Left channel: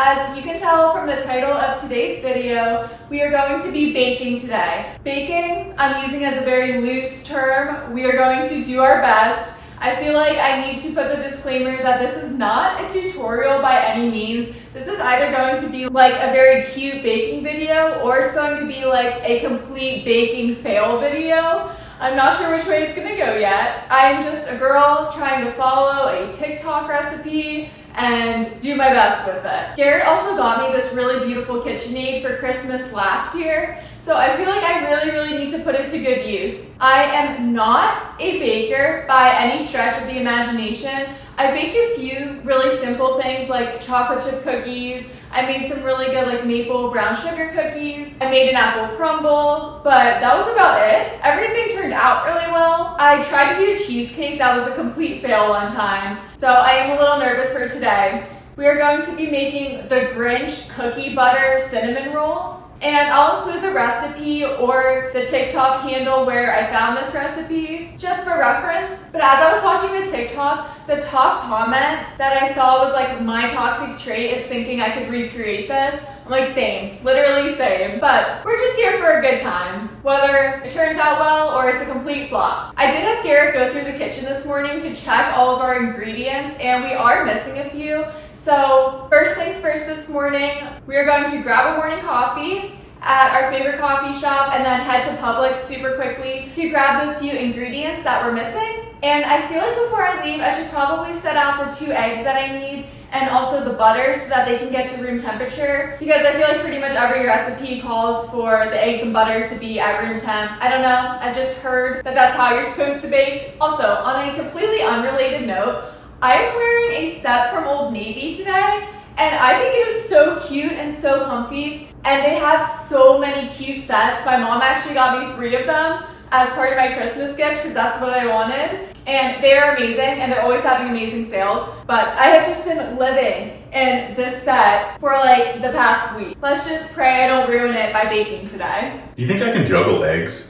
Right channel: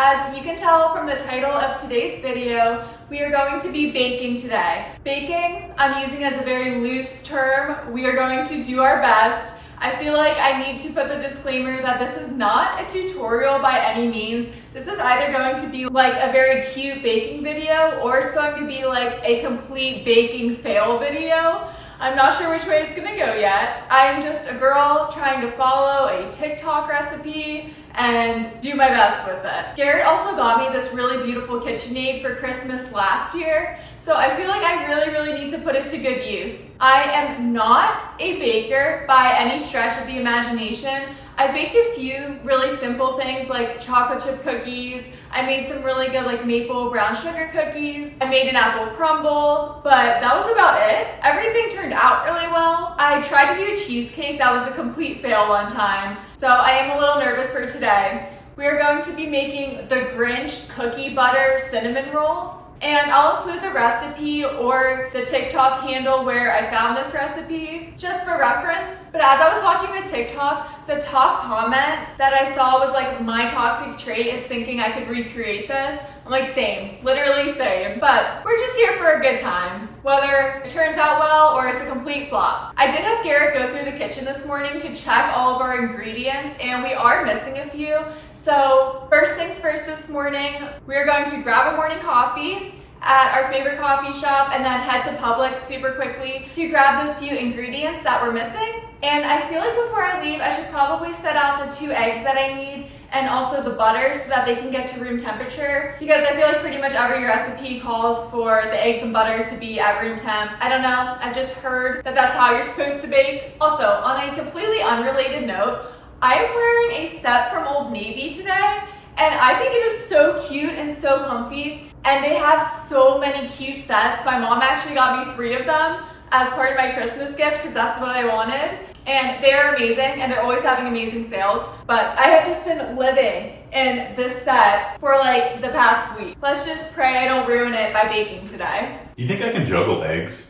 As you can tell from the title of today's video, we are going to be baking today. Baking, I'm using as a very loose term. We are going to do our best. I feel like I need to put the disclaimer that this is not a tutorial by any means. This is either going to be like a very cute baking video or it's going to be like a complete baking fail video. I'm not sure which way it's gonna go yet. I'm just a girl trying to follow a TikTok recipe and do my best with it. Garrett also got me this really beautiful KitchenAid for Christmas last year, so I feel like I really need to put it to good use. I am not a baker by any stretch of the imagination. I baked a few really simple things like chocolate chip cookies. I made some really good like maple brown sugar cookies. I made an apple crumble, but that was about it. Everything turned out really well. I tried to do a cheesecake that was a complete fail one time, so I am a little nervous for today. We are going to be making the Grinch cookie butter cinnamon rolls. And I'll include the recipe or the TikTok handle where I found this recipe just for reference. But as I was watching the TikTok, the top comment that I saw was like, my toxic trait is thinking I could recreate this. I'm like, same, literally same. But we're just here for a good time, whether it turns out well or it's a complete flop. I did have Garrett go through the kitchen this morning to check all of our ingredients and we are missing a few. So first things first this morning, we are going to grab a morning coffee at our favorite coffee shop and then head to Publix super quickly to grab those few ingredients that we're missing. And I feel like before I leave, I should probably set out the 2 eggs that I need and also the butter so that they can get to room temperature, because I feel like pretty much every recipe calls for the eggs and butter to be at room temp. I don't know, I've just heard that that's how you're supposed to bake. Also, on a completely unrelated note, I am wearing a set from Old Navy today, and I think it is so cute and so comfy, and they have so many cute sets. My mom actually got me 3 of them as part of my Christmas gift because that's what I wanted, and they are amazing, and they're always having amazing sales, but I have just been living in this set for like the past week. Let's just pray I don't ruin it by baking today. You think I can juggle eggs?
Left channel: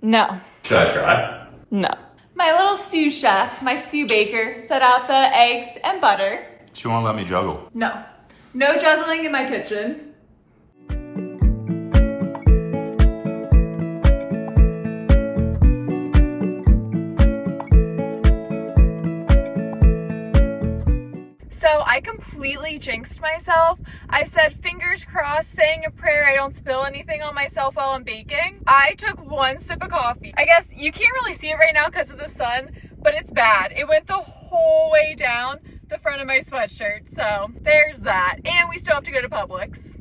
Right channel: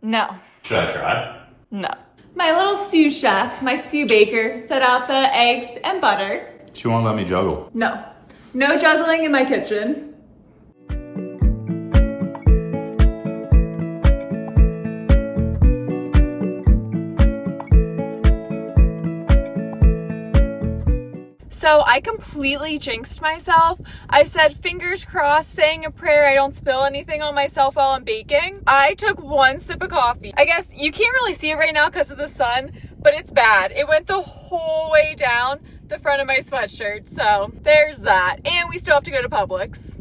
No. Should I try? No. My little sous chef, my sous baker, set out the eggs and butter. She won't let me juggle. No. No juggling in my kitchen. So I completely jinxed myself. I said fingers crossed, saying a prayer I don't spill anything on myself while I'm baking. I took 1 sip of coffee. I guess you can't really see it right now because of the sun, but it's bad. It went the whole way down the front of my sweatshirt. So there's that. And we still have to go to Publix.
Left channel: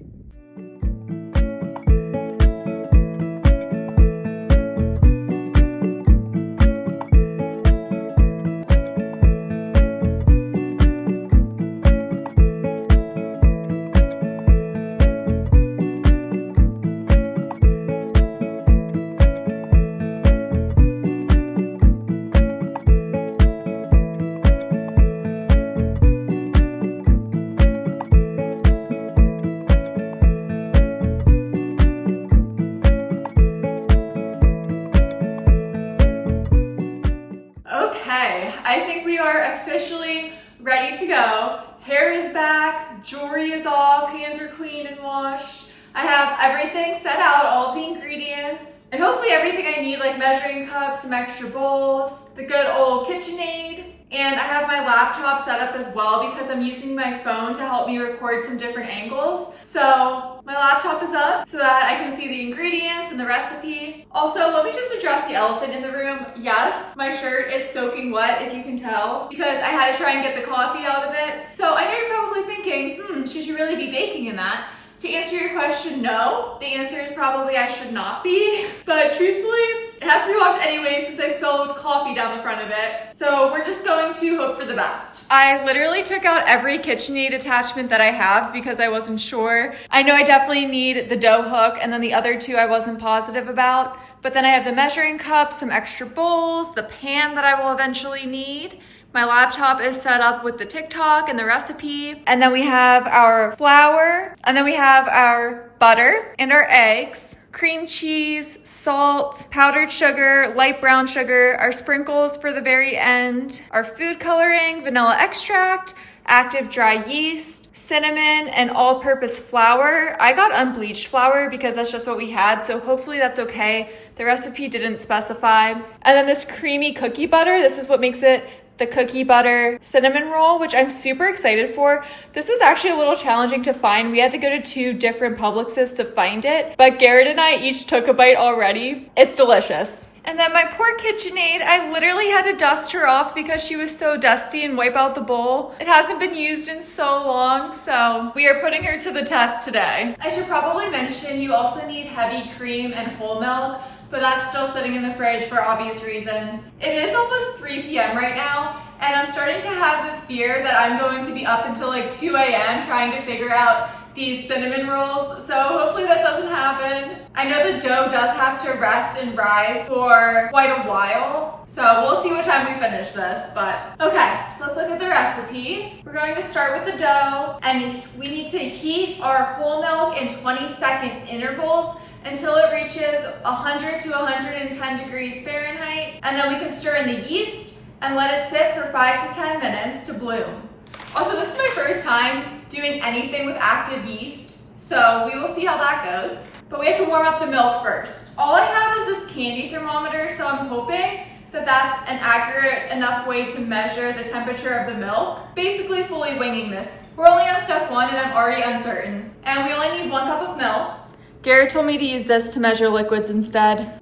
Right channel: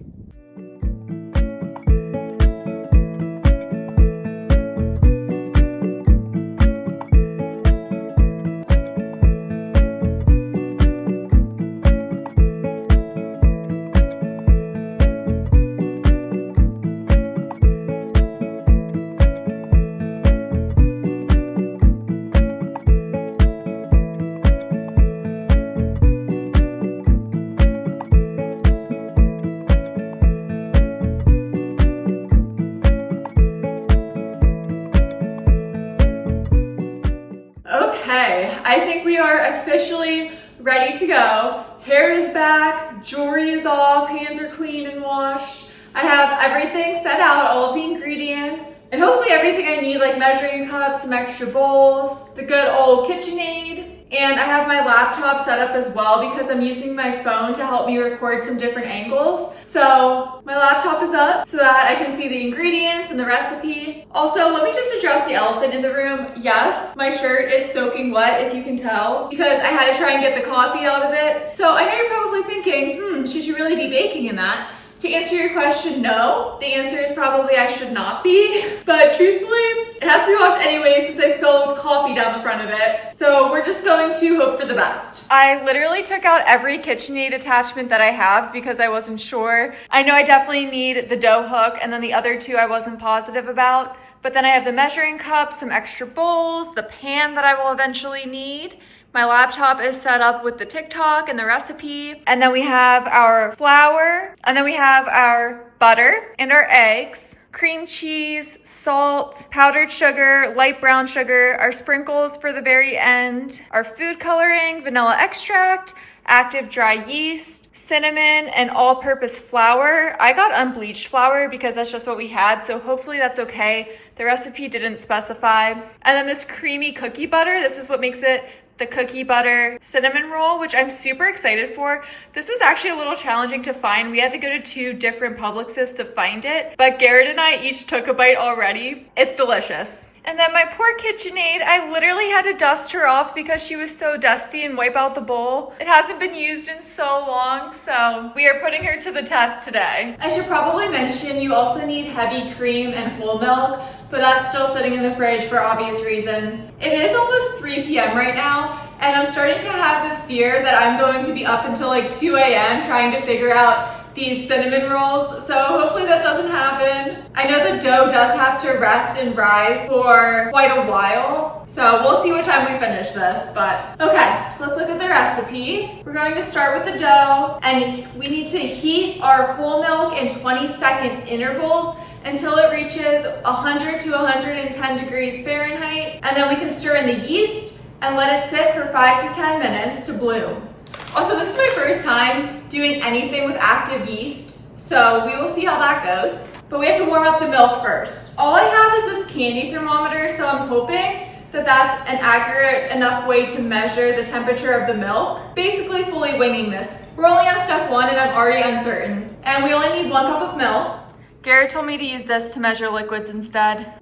Okay, I think we are officially ready to go. Hair is back, jewelry is off, hands are clean and washed. I have everything set out, all of the ingredients, and hopefully everything I need, like measuring cups, some extra bowls, the good old KitchenAid, and I have my laptop set up as well because I'm using my phone to help me record some different angles. So my laptop is up so that I can see the ingredients and the recipe. Also, let me just address the elephant in the room. Yes, my shirt is soaking wet, if you can tell, because I had to try and get the coffee out of it. So I know you're probably thinking, should you really be baking in that? To answer your question, no. The answer is probably I should not be, but truthfully, it has to be washed anyway since I spilled coffee down the front of it. So we're just going to hope for the best. I literally took out every KitchenAid attachment that I have because I wasn't sure. I know I definitely need the dough hook, and then the other 2 I wasn't positive about. But then I have the measuring cup, some extra bowls, the pan that I will eventually need. My laptop is set up with the TikTok and the recipe. And then we have our flour, and then we have our butter and our eggs, cream cheese, salt, powdered sugar, light brown sugar, our sprinkles for the very end, our food coloring, vanilla extract, active dry yeast, cinnamon, and all-purpose flour. I got unbleached flour because that's just what we had, so hopefully that's okay. The recipe didn't specify. And then this creamy cookie butter, this is what makes it the cookie butter cinnamon roll, which I'm super excited for. This was actually a little challenging to find. We had to go to 2 different Publixes to find it, but Garrett and I each took a bite already. It's delicious. And then my poor KitchenAid, I literally had to dust her off because she was so dusty and wipe out the bowl. It hasn't been used in so long, so we are putting her to the test today. I should probably mention you also need heavy cream and whole milk, but that's still sitting in the fridge for obvious reasons. It is almost 3 p.m. right now, and I'm starting to have the fear that I'm going to be up until like 2 a.m. trying to figure out these cinnamon rolls, so hopefully that doesn't happen. I know the dough does have to rest and rise for quite a while, so we'll see what time we finish this, but okay, so let's look at the recipe. We're going to start with the dough, and we need to heat our whole milk in 20-second intervals until it reaches 100 to 110 degrees Fahrenheit, and then we can stir in the yeast and let it sit for 5 to 10 minutes to bloom. Also, this is my first time doing anything with active yeast, so we will see how that goes. But we have to warm up the milk first. All I have is this candy thermometer, so I'm hoping that that's an accurate enough way to measure the temperature of the milk. Basically fully winging this. We're only on step 1 and I'm already uncertain. And we only need 1 cup of milk. Garrett told me to use this to measure liquids instead.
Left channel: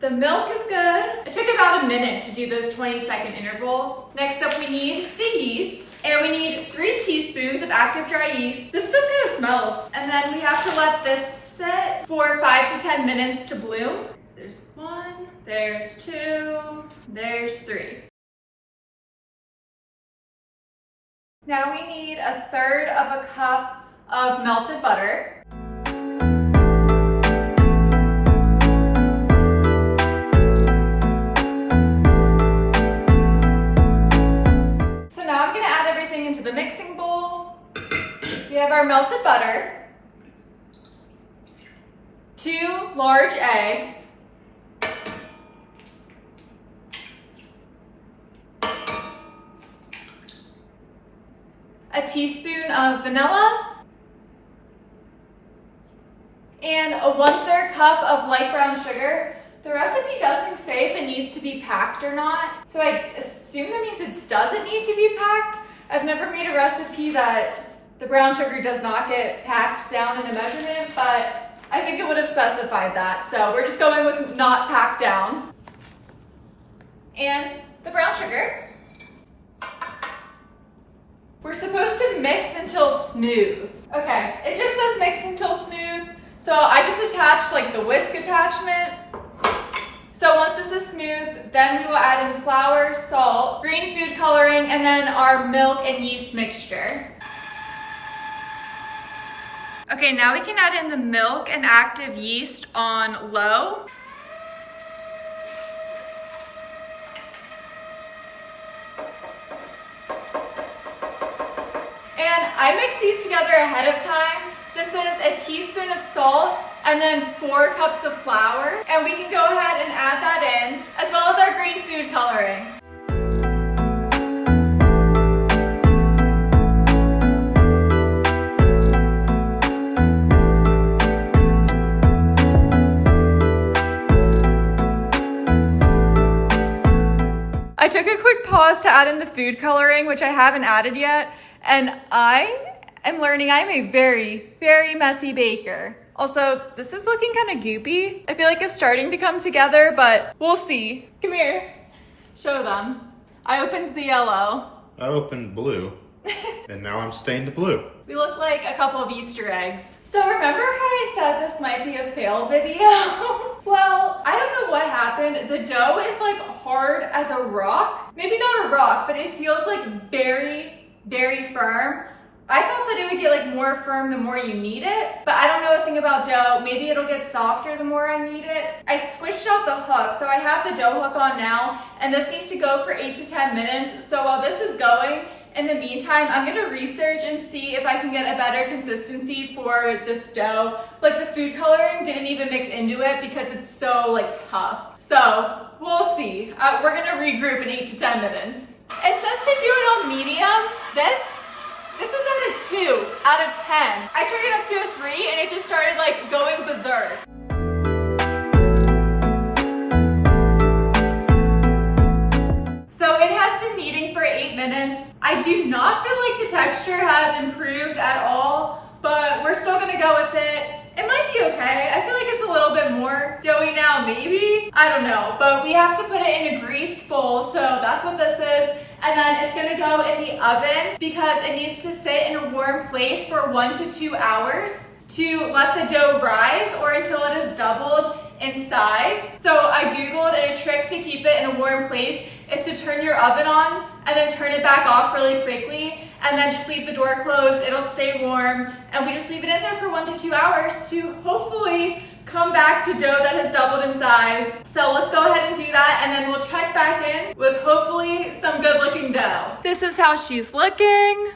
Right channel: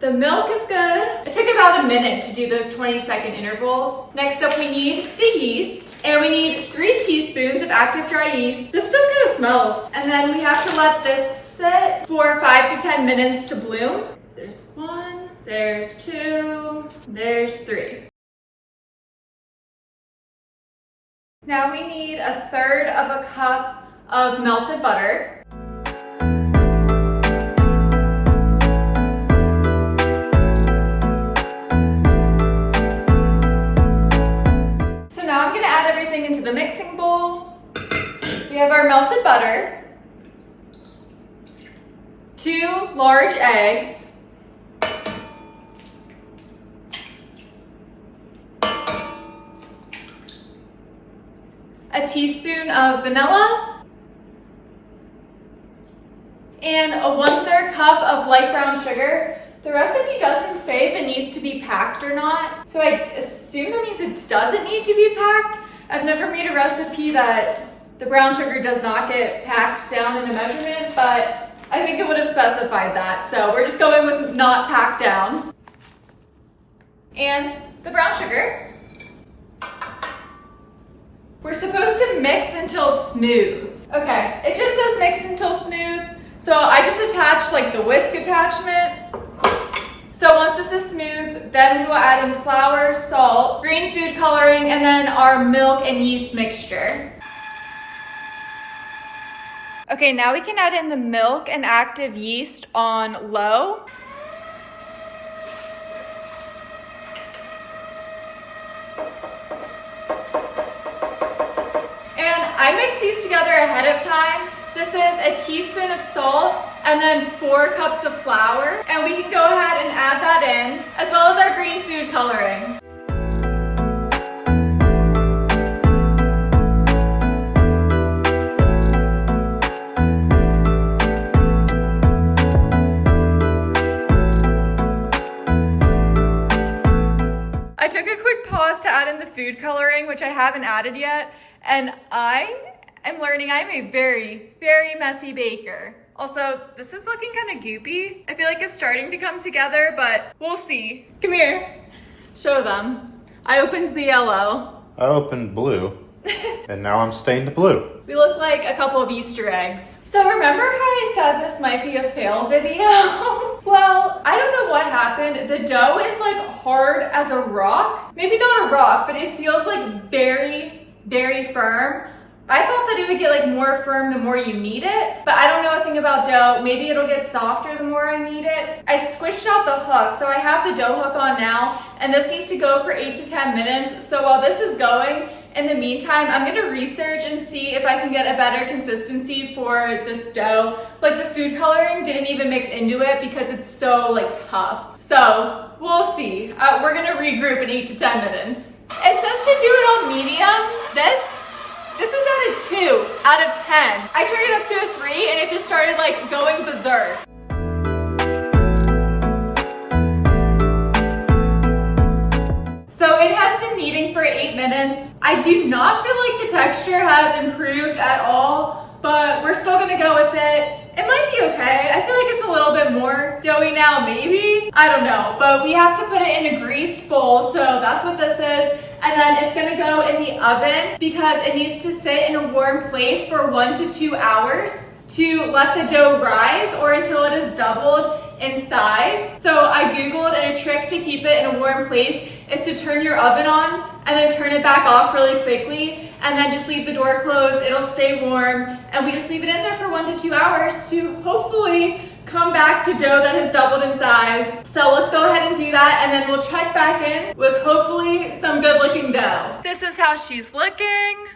The milk is good. It took about a minute to do those 20-second intervals. Next up, we need the yeast, and we need 3 teaspoons of active dry yeast. This stuff kind of smells. And then we have to let this sit for 5 to 10 minutes to bloom. So there's 1, there's 2, there's 3. Now we need 1/3 of a cup of melted butter. Now I'm gonna add everything into the mixing bowl. We have our melted butter, 2 large eggs, a teaspoon of vanilla, and a 1/3 cup of light brown sugar. The recipe doesn't say if it needs to be packed or not, so I assume that means it doesn't need to be packed. I've never made a recipe that the brown sugar does not get packed down in the measurement, but I think it would have specified that, so we're just going with not packed down. And the brown sugar. We're supposed to mix until smooth. Okay, it just says mix until smooth, so I just attached like the whisk attachment. So once this is smooth, then we will add in flour, salt, green food coloring, and then our milk and yeast mixture. Okay, now we can add in the milk and active yeast on low. And I mix these together ahead of time. This is a teaspoon of salt and then 4 cups of flour. And we can go ahead and add that in, as well as our green food coloring. I took a quick pause to add in the food coloring, which I haven't added yet, and I am learning I'm a very, very messy baker. Also, this is looking kind of goopy. I feel like it's starting to come together, but we'll see. Come here, show them. I opened the yellow. I opened blue, and now I'm stained blue. We look like a couple of Easter eggs. So remember how I said this might be a fail video? Well, I don't know what happened. The dough is like hard as a rock. Maybe not a rock, but it feels like very, very firm. I thought that it would get like more firm the more you knead it, but I don't know a thing about dough. Maybe it'll get softer the more I knead it. I switched out the hook, so I have the dough hook on now, and this needs to go for 8 to 10 minutes. So while this is going, In the meantime, I'm gonna research and see if I can get a better consistency for this dough. Like the food coloring didn't even mix into it because it's so like tough. So we'll see. We're gonna regroup in 8 to 10 minutes. It says to do it on medium. This is at a 2 out of 10. I turned it up to a 3 and it just started like going berserk. So it has been kneading for 8 minutes. I do not feel like the texture has improved at all, but we're still gonna go with it. It might be okay. I feel like it's a little bit more doughy now, maybe. I don't know, but we have to put it in a greased bowl, so that's what this is. And then it's gonna go in the oven because it needs to sit in a warm place for 1 to 2 hours to let the dough rise or until it is doubled in size. So I Googled, and a trick to keep it in a warm place is to turn your oven on and then turn it back off really quickly and then just leave the door closed. It'll stay warm, and we just leave it in there for 1 to 2 hours to hopefully come back to dough that has doubled in size. So let's go ahead and do that, and then we'll check back in with hopefully some good looking dough. This is how she's looking.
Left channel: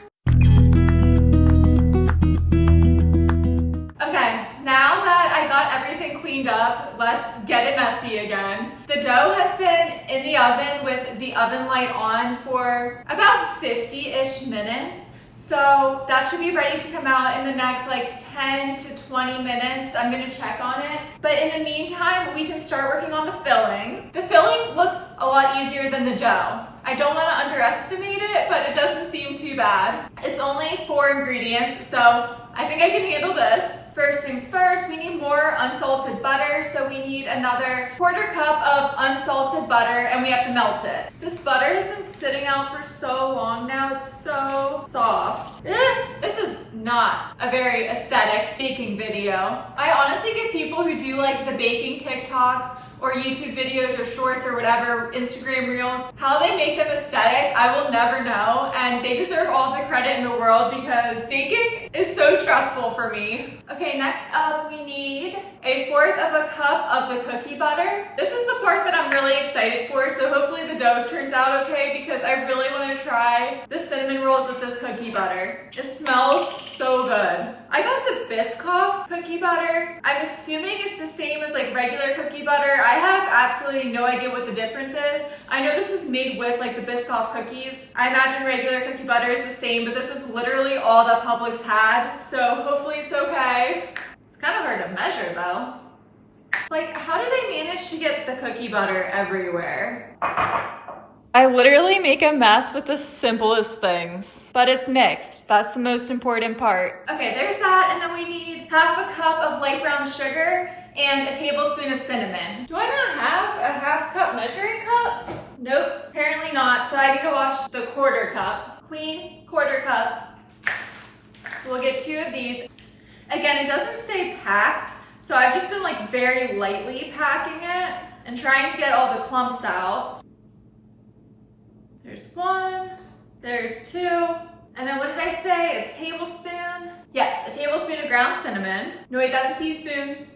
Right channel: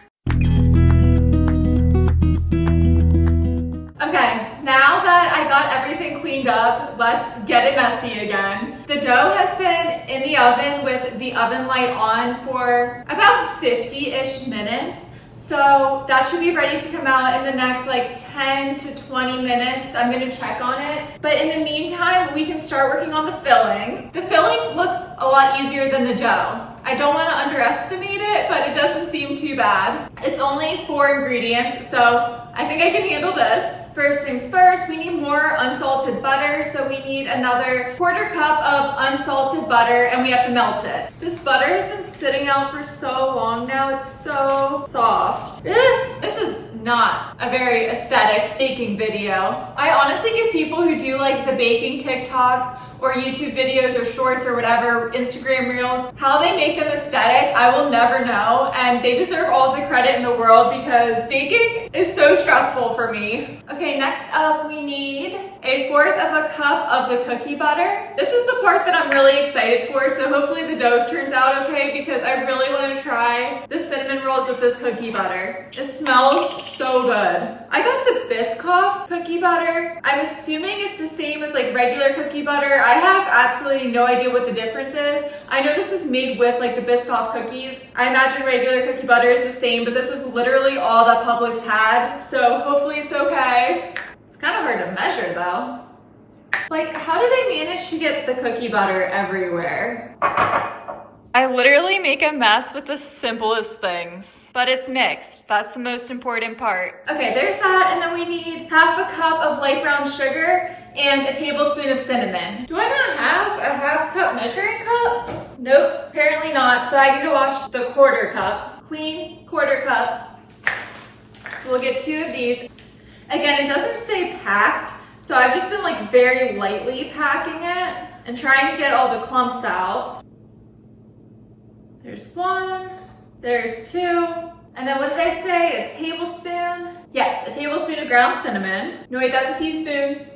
Okay, now that I got everything cleaned up, let's get it messy again. The dough has been in the oven with the oven light on for about 50-ish minutes. So that should be ready to come out in the next like 10 to 20 minutes. I'm gonna check on it. But in the meantime, we can start working on the filling. The filling looks a lot easier than the dough. I don't want to underestimate it, but it doesn't seem too bad. It's only 4 ingredients, so I think I can handle this. First things first, we need more unsalted butter. So we need another 1/4 cup of unsalted butter, and we have to melt it. This butter has been sitting out for so long now. It's so soft. This is not a very aesthetic baking video. I honestly give people who do like the baking TikToks or YouTube videos or shorts or whatever, Instagram reels, how they make them aesthetic, I will never know, and they deserve all the credit in the world because baking is so stressful for me. Okay, next up we need 1/4 cup of the cookie butter. This is the part that I'm really excited for, so hopefully the dough turns out okay because I really want to try the cinnamon rolls with this cookie butter. It smells so good. I got the Biscoff cookie butter. I'm assuming it's the same as like regular cookie butter. I have absolutely no idea what the difference is. I know this is made with like the Biscoff cookies. I imagine regular cookie butter is the same, but this is literally all that Publix had, so hopefully it's okay. It's kind of hard to measure though. Like, how did I manage to get the cookie butter everywhere? I literally make a mess with the simplest things, but it's mixed. That's the most important part. Okay, there's that, and then we need 1/2 cup of light brown sugar and a tablespoon of cinnamon. Do I not have a 1/2 cup measuring cup? Nope, apparently not. So I need to wash the 1/4 cup, clean 1/4 cup. So we'll get 2 of these. Again, it doesn't say packed, so I've just been like very lightly packing it and trying to get all the clumps out. There's 1, there's 2, and then what did I say, a tablespoon? Yes, a tablespoon of ground cinnamon. No wait, that's a teaspoon.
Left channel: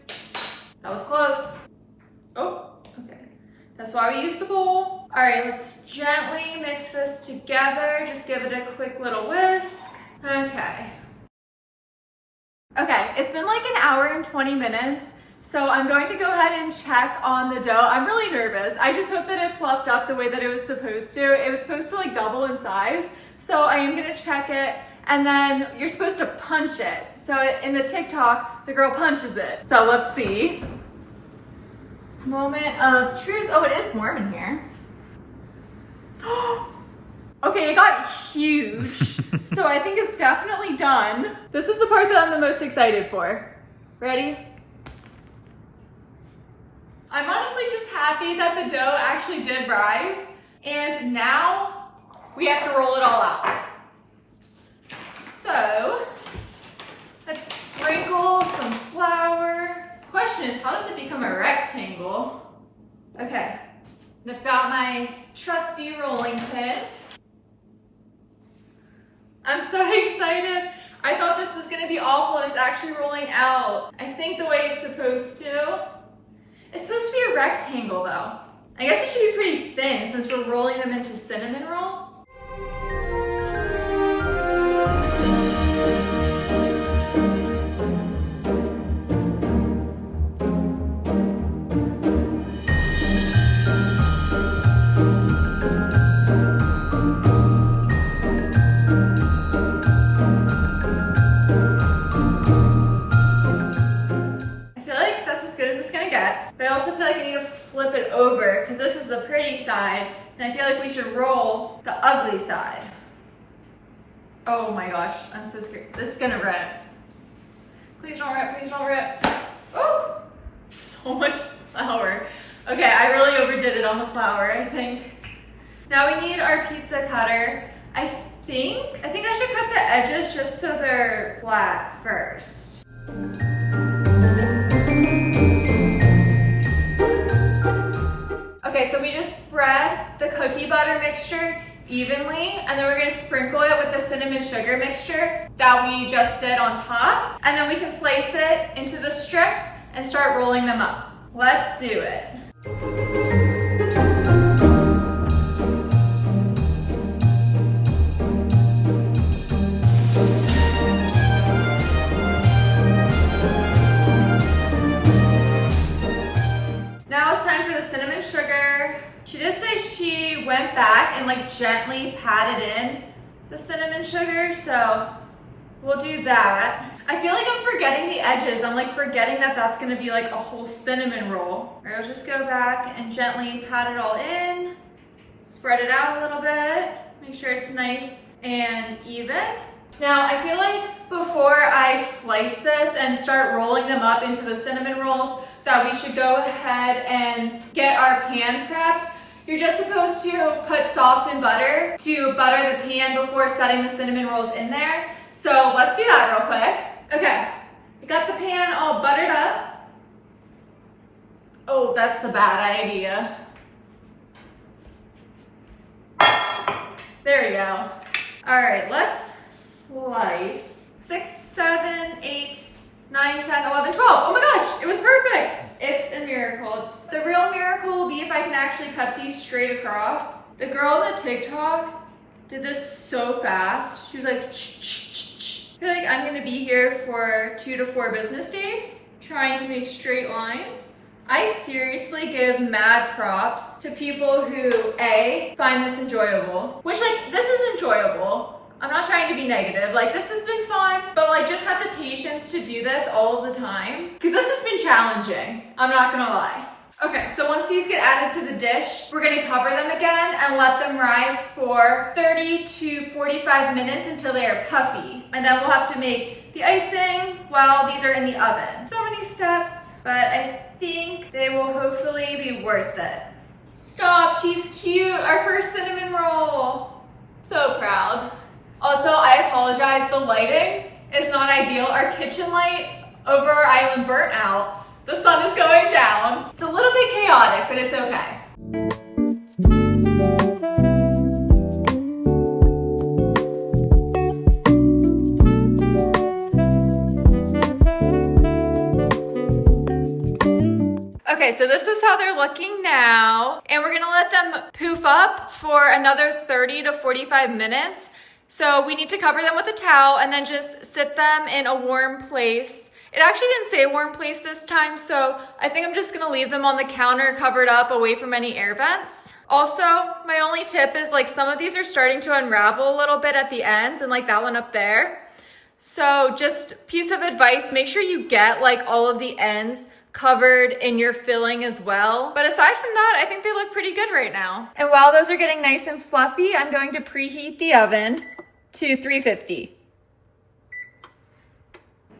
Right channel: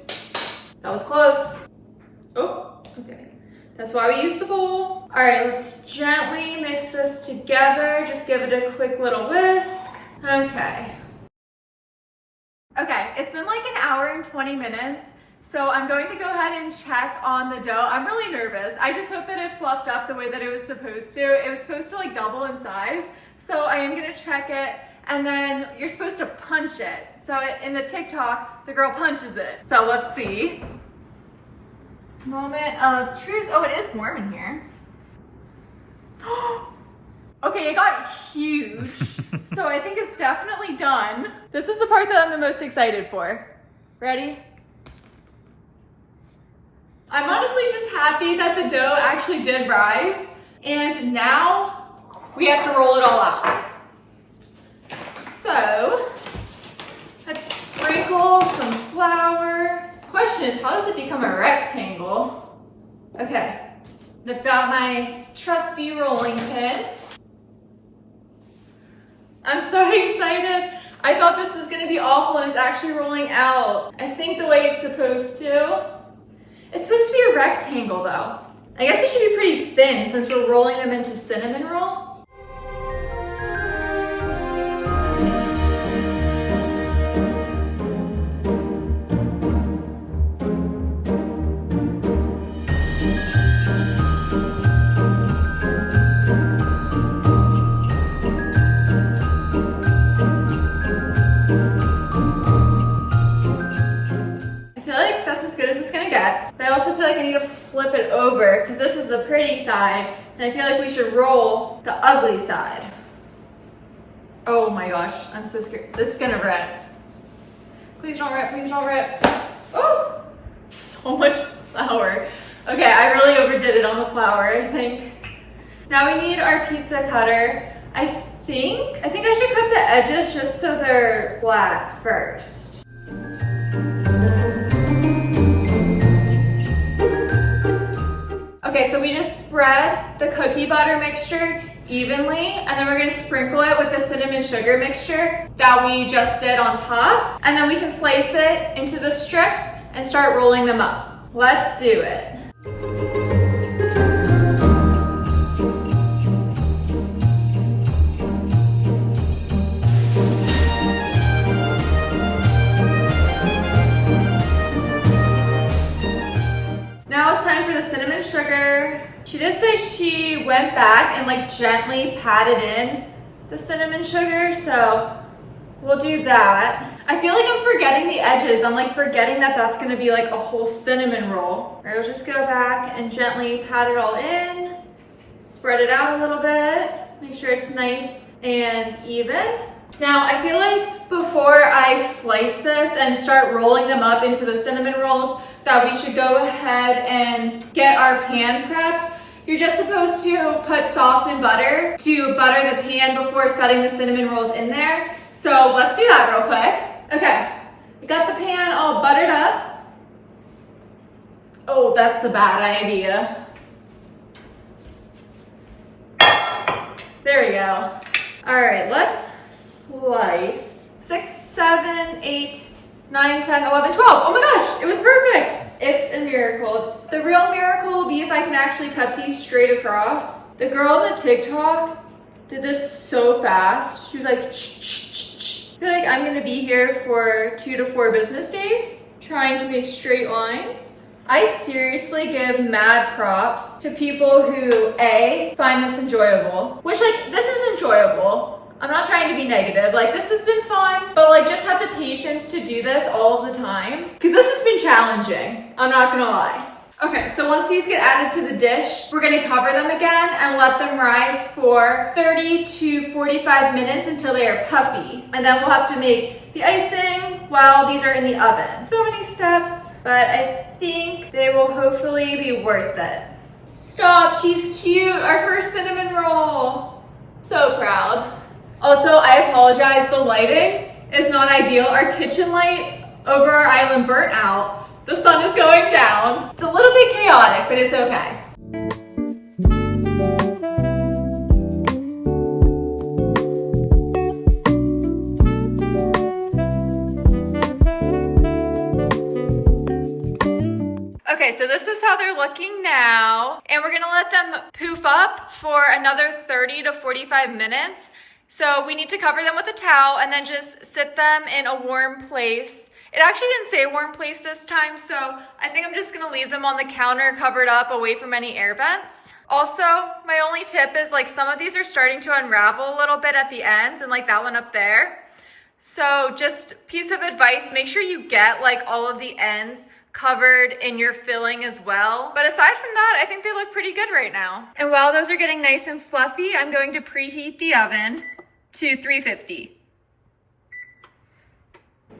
That was close. Oh, okay. That's why we use the bowl. All right, let's gently mix this together. Just give it a quick little whisk. Okay. Okay, it's been like 1 hour and 20 minutes. So I'm going to go ahead and check on the dough. I'm really nervous. I just hope that it fluffed up the way that it was supposed to. It was supposed to like double in size. So I am gonna check it, and then you're supposed to punch it. So in the TikTok, the girl punches it. So let's see. Moment of truth. Oh, it is warm in here. Okay, it got huge. So I think it's definitely done. This is the part that I'm the most excited for. Ready? I'm honestly just happy that the dough actually did rise, and now we have to roll it all out. So let's sprinkle some flour. Question is, how does it become a rectangle? Okay, I've got my trusty rolling pin. I'm so excited. I thought this was gonna be awful and it's actually rolling out. I think the way it's supposed to. It's supposed to be a rectangle though. I guess it should be pretty thin since we're rolling them into cinnamon rolls. I also feel like I need to flip it over because this is the pretty side, and I feel like we should roll the ugly side. Oh my gosh, I'm so scared. This is gonna rip. Please don't rip, please don't rip. Oh, so much flour. Okay, I really overdid it on the flour, I think. Now we need our pizza cutter. I think I should cut the edges just so they're flat first. Okay, so we just spread the cookie butter mixture evenly, and then we're gonna sprinkle it with the cinnamon sugar mixture that we just did on top, and then we can slice it into the strips and start rolling them up. Let's do it. Now it's time for the cinnamon sugar. She did say she went back and like gently patted in the cinnamon sugar, so we'll do that. I feel like I'm forgetting the edges. I'm like forgetting that that's gonna be like a whole cinnamon roll. All right, we'll just go back and gently pat it all in, spread it out a little bit, make sure it's nice and even. Now, I feel like before I slice this and start rolling them up into the cinnamon rolls, that we should go ahead and get our pan prepped. You're just supposed to put softened butter to butter the pan before setting the cinnamon rolls in there. So let's do that real quick. Okay, I got the pan all buttered up. Oh, that's a bad idea. There we go. All right, let's slice 6, 7, 8, 9, 10, 11, 12. Oh my gosh, it was perfect. It's a miracle. The real miracle will be if I can actually cut these straight across. The girl on the TikTok did this so fast. She was like, shh, shh, shh, shh. I feel like I'm gonna be here for 2 to 4 business days trying to make straight lines. I seriously give mad props to people who A, find this enjoyable, which like, this is enjoyable. I'm not trying to be negative, like this has been fun, but like just have the patience to do this all of the time, because this has been challenging, I'm not gonna lie. Okay, so once these get added to the dish, we're gonna cover them again and let them rise for 30 to 45 minutes until they are puffy. And then we'll have to make the icing while these are in the oven. So many steps, but I think they will hopefully be worth it. Stop, she's cute, our first cinnamon roll. So proud. Also, I apologize, the lighting is not ideal. Our kitchen light over our island burnt out. The sun is going down. It's a little bit chaotic, but it's okay. Okay, so this is how they're looking now. And we're gonna let them poof up for another 30 to 45 minutes. So we need to cover them with a towel and then just sit them in a warm place. It actually didn't say warm place this time, so I think I'm just gonna leave them on the counter covered up away from any air vents. Also, my only tip is like some of these are starting to unravel a little bit at the ends and like that one up there. So just piece of advice, make sure you get like all of the ends covered in your filling as well. But aside from that, I think they look pretty good right now. And while those are getting nice and fluffy, I'm going to preheat the oven to 350.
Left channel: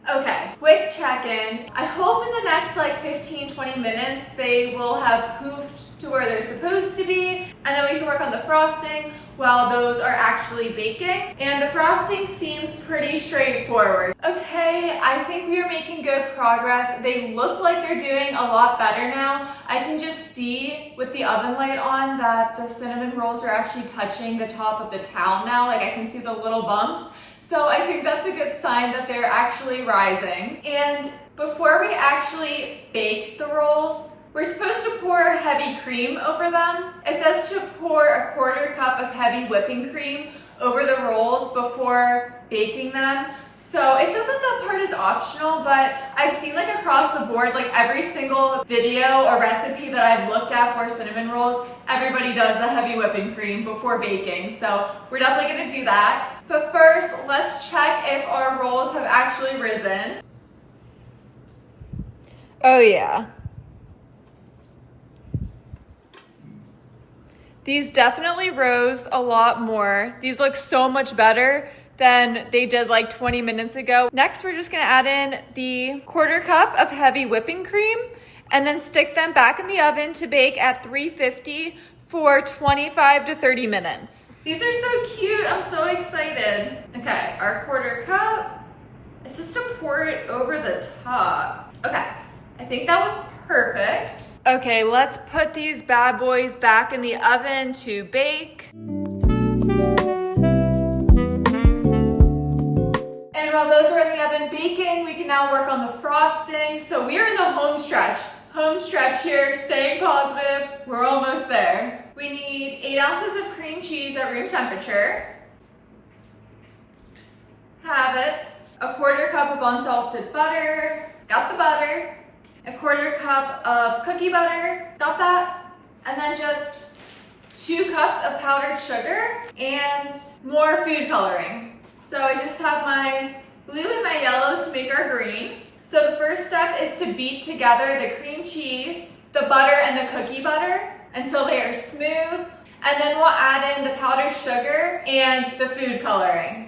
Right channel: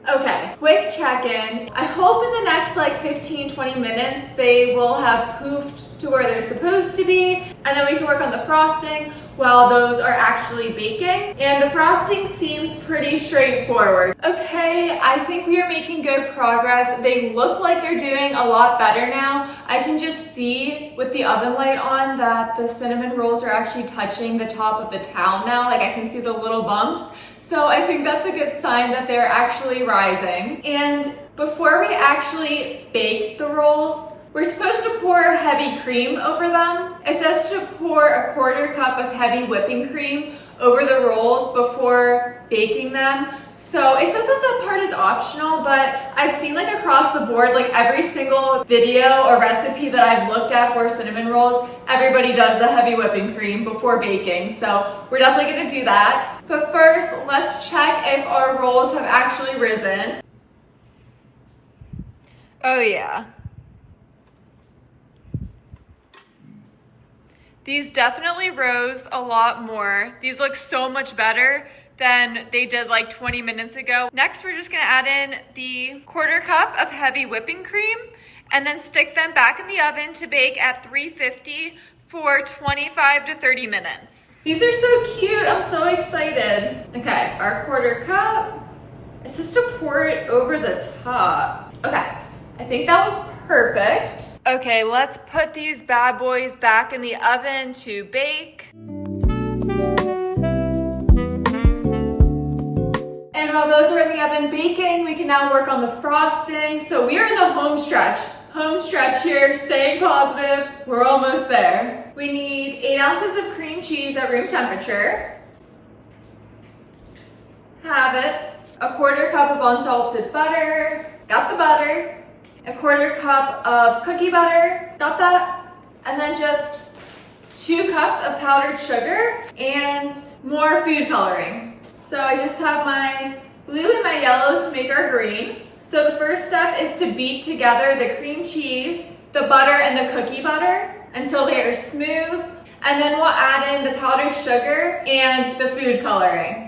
Okay, quick check-in. I hope in the next like 15-20 minutes they will have poofed to where they're supposed to be, and then we can work on the frosting while those are actually baking. And the frosting seems pretty straightforward. Okay, I think we are making good progress. They look like they're doing a lot better now. I can just see with the oven light on that the cinnamon rolls are actually touching the top of the towel now. Like I can see the little bumps. So I think that's a good sign that they're actually rising. And before we actually bake the rolls, we're supposed to pour heavy cream over them. It says to pour a 1/4 cup of heavy whipping cream over the rolls before baking them. So it says that that part is optional, but I've seen like across the board, like every single video or recipe that I've looked at for cinnamon rolls, everybody does the heavy whipping cream before baking. So we're definitely gonna do that. But first, let's check if our rolls have actually risen. Oh yeah. These definitely rose a lot more. These look so much better than they did like 20 minutes ago. Next, we're just gonna add in the 1/4 cup of heavy whipping cream and then stick them back in the oven to bake at 350 for 25 to 30 minutes. These are so cute, I'm so excited. Okay, our 1/4 cup. It's just to pour it over the top. Okay, I think that was perfect. Okay, let's put these bad boys back in the oven to bake. And while those are in the oven baking, we can now work on the frosting. So we are in the home stretch. Home stretch here, staying positive. We're almost there. We need 8 ounces of cream cheese at room temperature. Have it. A 1/4 cup of unsalted butter. Got the butter. A 1/4 cup of cookie butter. Got that. And then just 2 cups of powdered sugar and more food coloring. So I just have my blue and my yellow to make our green. So the first step is to beat together the cream cheese, the butter, and the cookie butter until they are smooth. And then we'll add in the powdered sugar and the food coloring.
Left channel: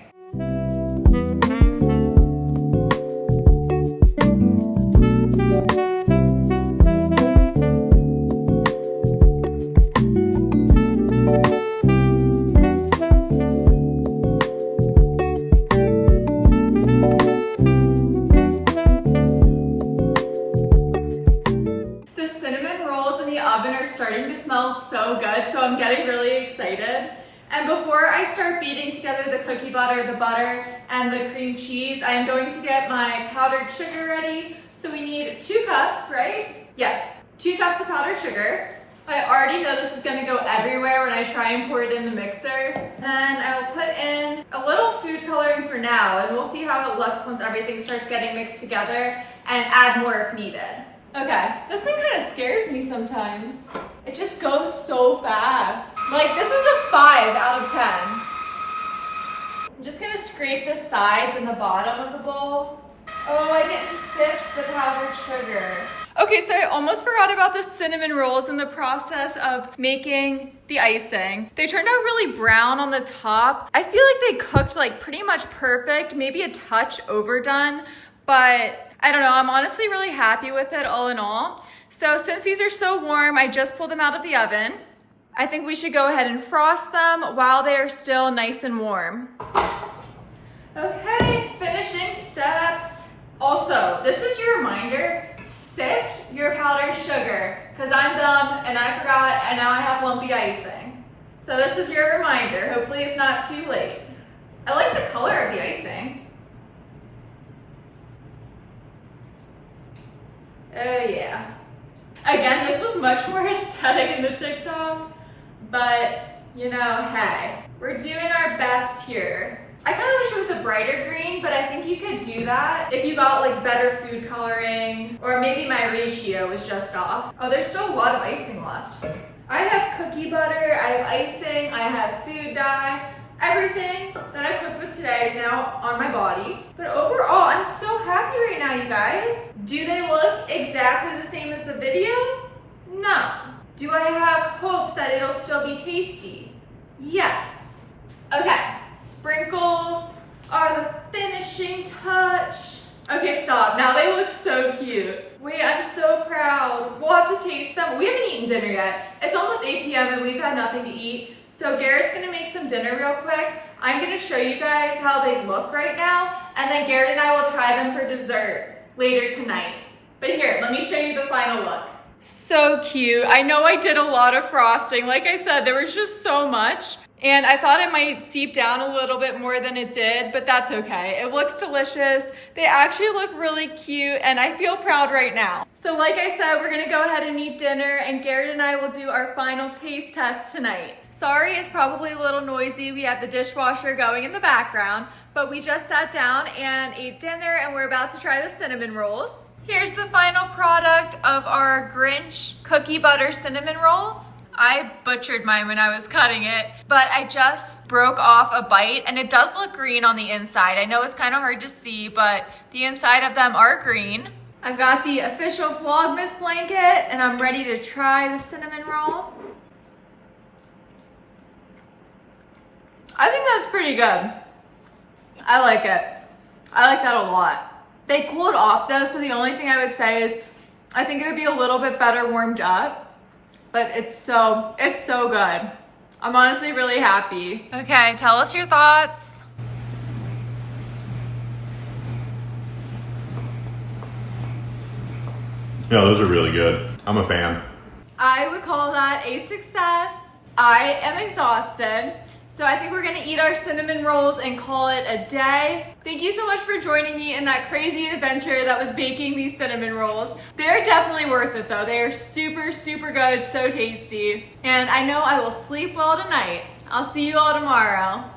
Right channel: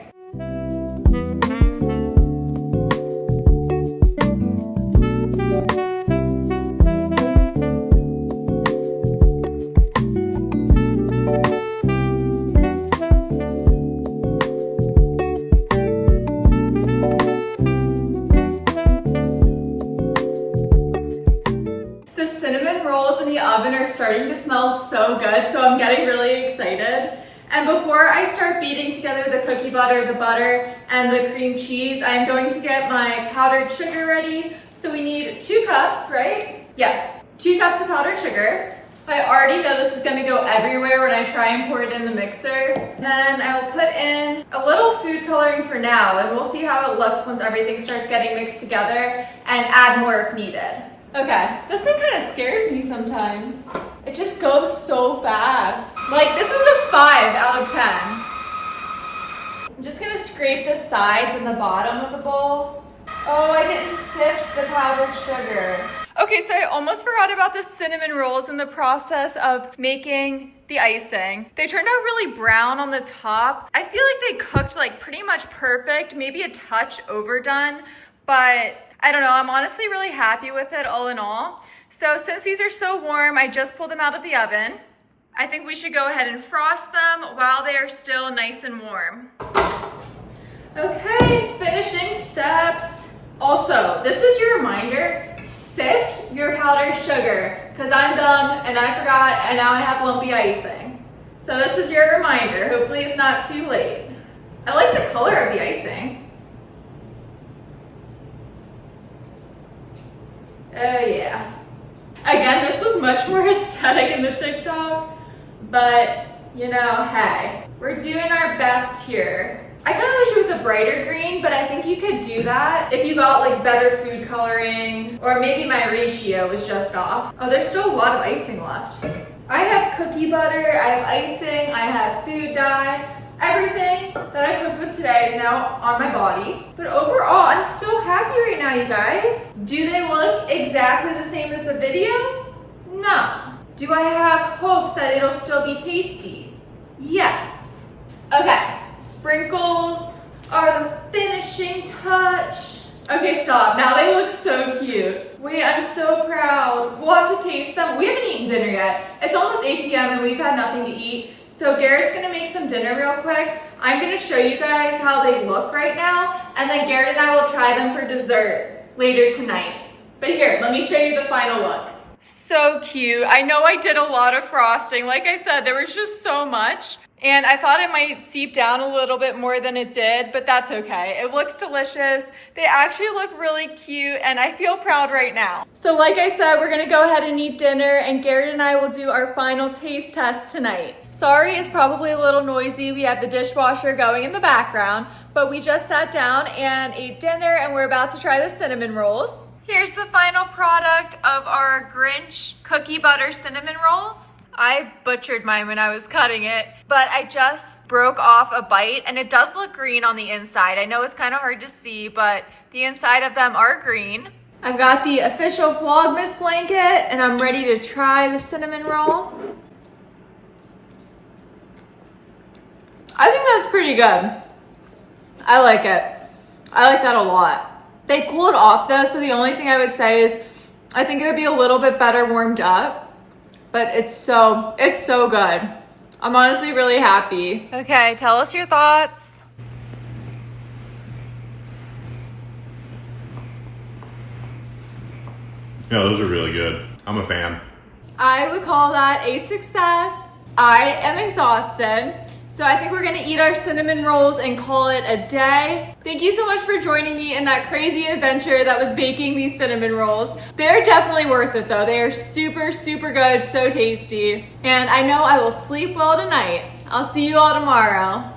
Starting to smell so good, so I'm getting really excited. And before I start beating together the cookie butter, the butter, and the cream cheese, I am going to get my powdered sugar ready. So we need 2 cups, right? Yes, 2 cups of powdered sugar. I already know this is gonna go everywhere when I try and pour it in the mixer. Then I will put in a little food coloring for now, and we'll see how it looks once everything starts getting mixed together, and add more if needed. Okay, this thing kind of scares me sometimes. It just goes so fast. Like, this is a 5 out of 10. I'm just gonna scrape the sides and the bottom of the bowl. Oh, I didn't sift the powdered sugar. Okay, so I almost forgot about the cinnamon rolls in the process of making the icing. They turned out really brown on the top. I feel like they cooked like pretty much perfect, maybe a touch overdone, but I don't know, I'm honestly really happy with it all in all. So since these are so warm, I just pulled them out of the oven. I think we should go ahead and frost them while they are still nice and warm. Okay, finishing steps. Also, this is your reminder, sift your powdered sugar, because I'm dumb and I forgot and now I have lumpy icing. So this is your reminder. Hopefully it's not too late. I like the color of the icing. Oh yeah. Again, this was much more aesthetic in the TikTok, but you know, hey, we're doing our best here. I kind of wish it was a brighter green, but I think you could do that if you got like better food coloring, or maybe my ratio was just off. Oh, there's still a lot of icing left. I have cookie butter, I have icing, I have food dye. Everything that I cooked with today is now on my body. But overall, I'm so happy right now, you guys. Do they look exactly the same as the video? No. Do I have hopes that it'll still be tasty? Yes. Okay, sprinkles are the finishing touch. Okay, stop. Now they look so cute. Wait, I'm so proud. We'll have to taste them. We haven't eaten dinner yet. It's almost 8 p.m. and we've had nothing to eat. So Garrett's gonna make some dinner real quick. I'm gonna show you guys how they look right now, and then Garrett and I will try them for dessert later tonight. But here, let me show you the final look. So cute. I know I did a lot of frosting. Like I said, there was just so much. And I thought it might seep down a little bit more than it did, but that's okay. It looks delicious. They actually look really cute, and I feel proud right now. So like I said, we're gonna go ahead and eat dinner, and Garrett and I will do our final taste test tonight. Sorry, it's probably a little noisy. We have the dishwasher going in the background, but we just sat down and ate dinner, and we're about to try the cinnamon rolls. Here's the final product of our Grinch cookie butter cinnamon rolls. I butchered mine when I was cutting it, but I just broke off a bite, and it does look green on the inside. I know it's kind of hard to see, but the inside of them are green. I've got the official Vlogmas blanket, and I'm ready to try the cinnamon roll. I think that's pretty good. I like it. I like that a lot. They cooled off though, so the only thing I would say is I think it would be a little bit better warmed up, but it's so good. I'm honestly really happy. Okay, tell us your thoughts. Yeah, those are really good. I'm a fan. I would call that a success. I am exhausted, so I think we're gonna eat our cinnamon rolls and call it a day. Thank you so much for joining me in that crazy adventure that was baking these cinnamon rolls. They're definitely worth it though. They are super good, so tasty. And I know I will sleep well tonight. I'll see you all tomorrow.